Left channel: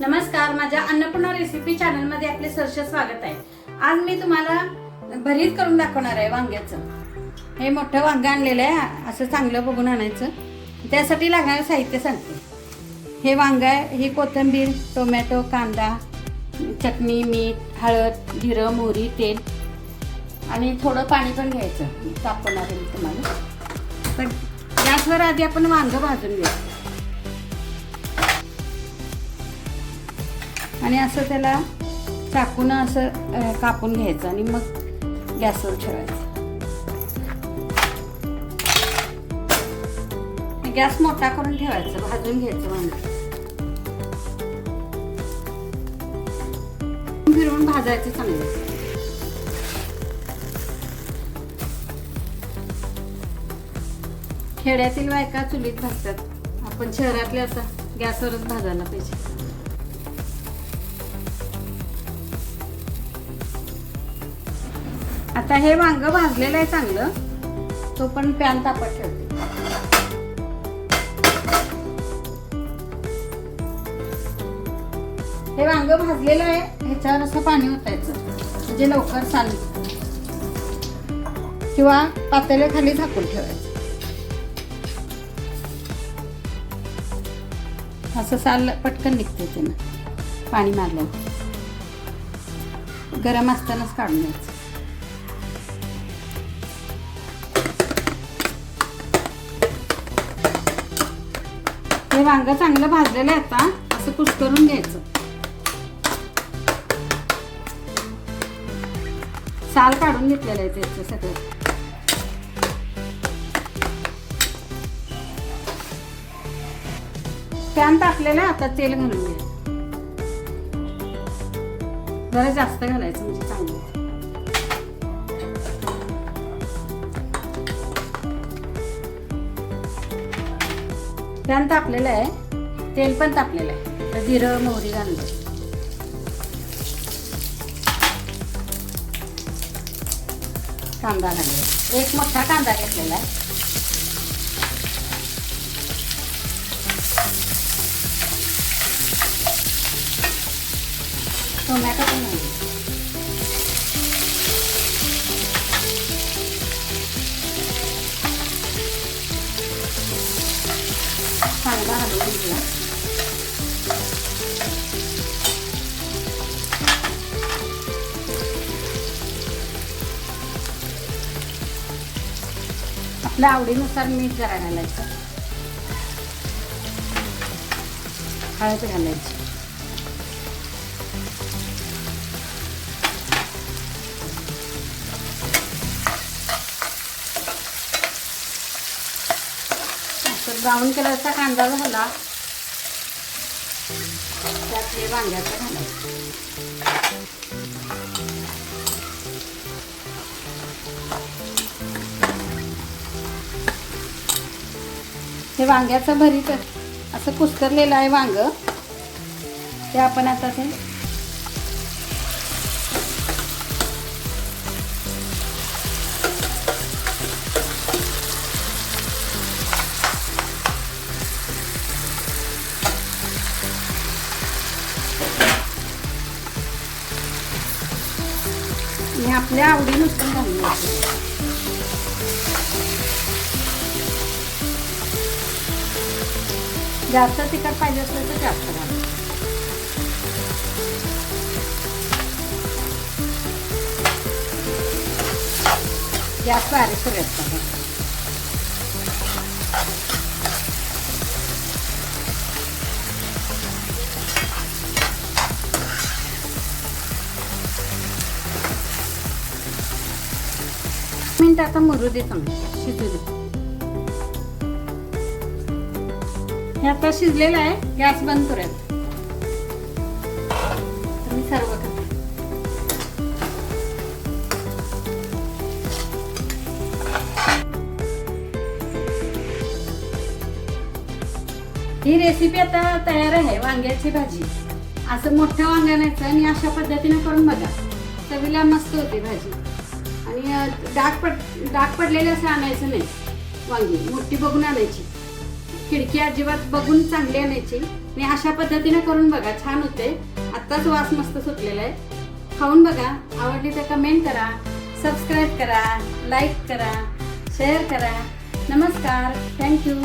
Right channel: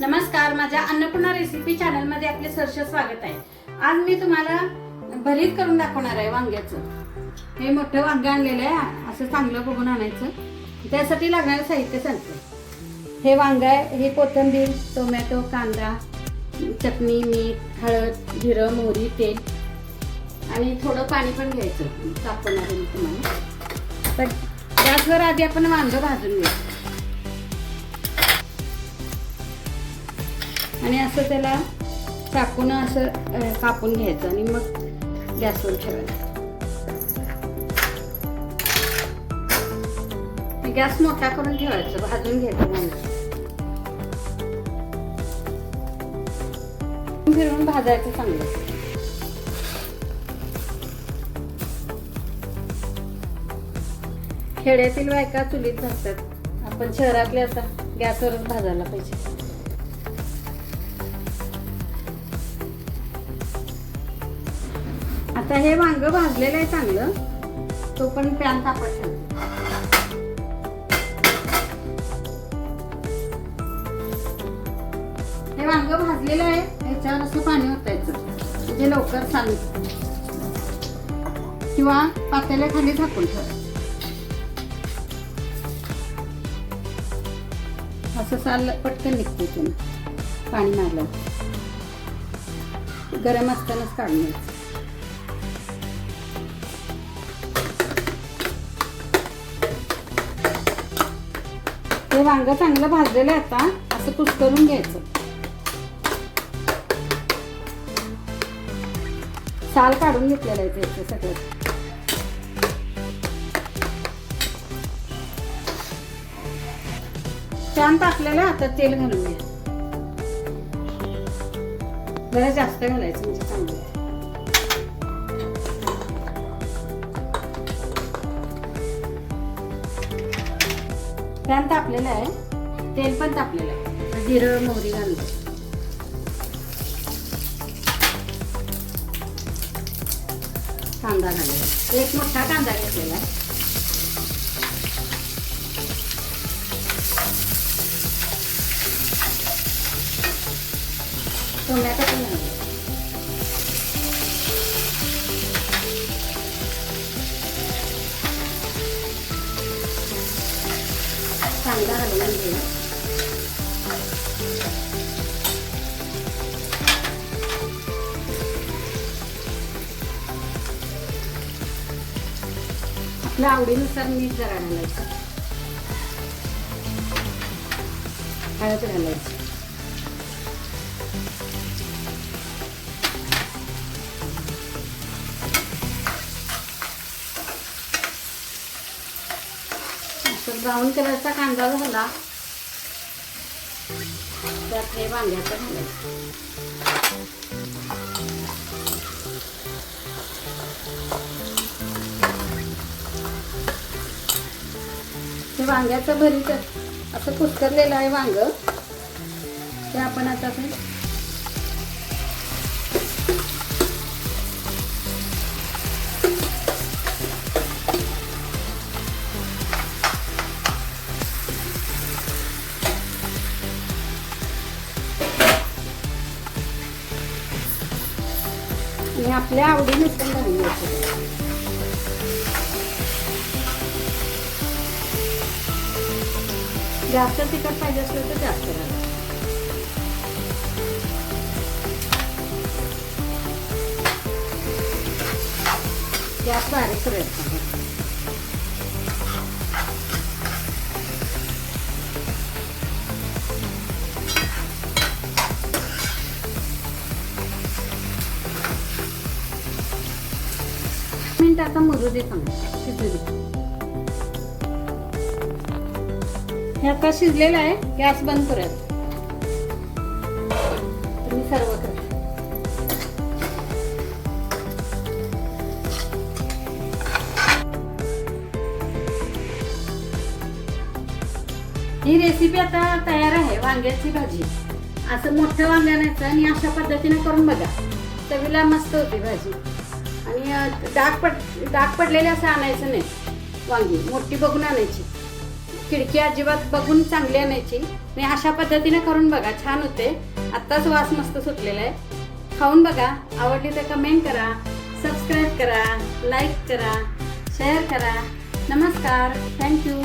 नमस्कार, माझ्या Annapurna recipe channel मध्ये आपले सहर्ष स्वागत आहे। आज मी तुम्हाला भरीत करून दाखवणार आहे वांग्याचं। हे मोठं वांग आणलेलं आहे, असं चांगलं बघून आणायचं। त्यासाठी लागणारं साहित्य सांगते। हे वांग आहे, हे कोथिंबीर, टोमॅटो, कांदा, चटणी, मीठ, हळद, जिरं, मोहरी, तेल आणि थोडं पाणी पण घ्यायचं। दाखवणार मी तुम्हाला। पण गॅसवर आधी आपण वांग भाजून घेऊ आणि असं त्याला चाकून असं कापून घ्यायचं आणि मग गॅसवर ठेवायचं। गॅस मोठा करून ठेवायचं, भाजून घ्यायचं वांग। फिरवून भाजायचं चांगलं। खेड्यातील बायका चुलीत भाजतात, आपण शहरातले आता गॅसवरच भाजायला पाहिजे। आता हे वांग भाजलेलं आहे चांगलं, तो पण पॅन तापत ठेवते। हे वांग भाजलेलं आहे, ह्याच्यावर असं पाणी ओतायचं म्हणजे लवकर सांगते, किंवा पातेल्याखाली झाकून ठेवायचं। असं साल पटकन निघते त्यानं पाणी मारलं, गरम असतानाच काढून घ्यायचं। हे वांग चांगलं भाजलेलं आहे, आता असं कुस्करून घ्यायचं। साल काढून घेतलेलं आहे त्याचं सगळं। पॅन तापलेलं आहे, आता तेल घालून घ्या। जरा जास्त घालायचं म्हणजे चांगलं। पॅन तापलेलं आहे, तेल पण तापलेलं आहे। जिरं, मोहरी घालून कांदा घालून, एक मोठा कांदा घेतलेला आहे। टोमॅटो पण घालून, कांदा घालून घेऊ। आपल्या आवडीनुसार मीठ जरा घालायचं, हळद घालायची। ब्राऊन कलरचा कांदा झाला, त्यात हे वांग्याचं घालायचं। हे वांग्याचं भरीत असं कुस्करलेलं आहे वांग, ते आपण आता ते आपल्या आवडीनुसार घालायचं। जास्त तिखट पाहिजे असेल तर जास्त घालायचं। गॅस बारीक करायचा। मिनिट आता मुरू दे, चांगलं शिजू दे। हे आता शिजलेलं आहे, गॅस बंद करायचा। तुम्ही सर्व ही रेसिपी आता तयार आहे। वांग्याची भाजी, असं मोठं वांग आणायचं आणि अशा पद्धतीने करून बघा, चवीला मस्त होती भाजी। आणि डाग पडलेले असं आणायचं नाही, वांगी मोठी बघून आणायची। खिडकी अजिबात बघून चांगली आणायची आणि अशा पद्धतीने करून बघा, छान होते. आत्ताच वास मस्त सुटलेला आहे. खाऊन बघा, आवडली तर कमेंट करा, सबस्क्राईब करा, लाईक करा, शेअर करा. नमस्कार, थँक्यू.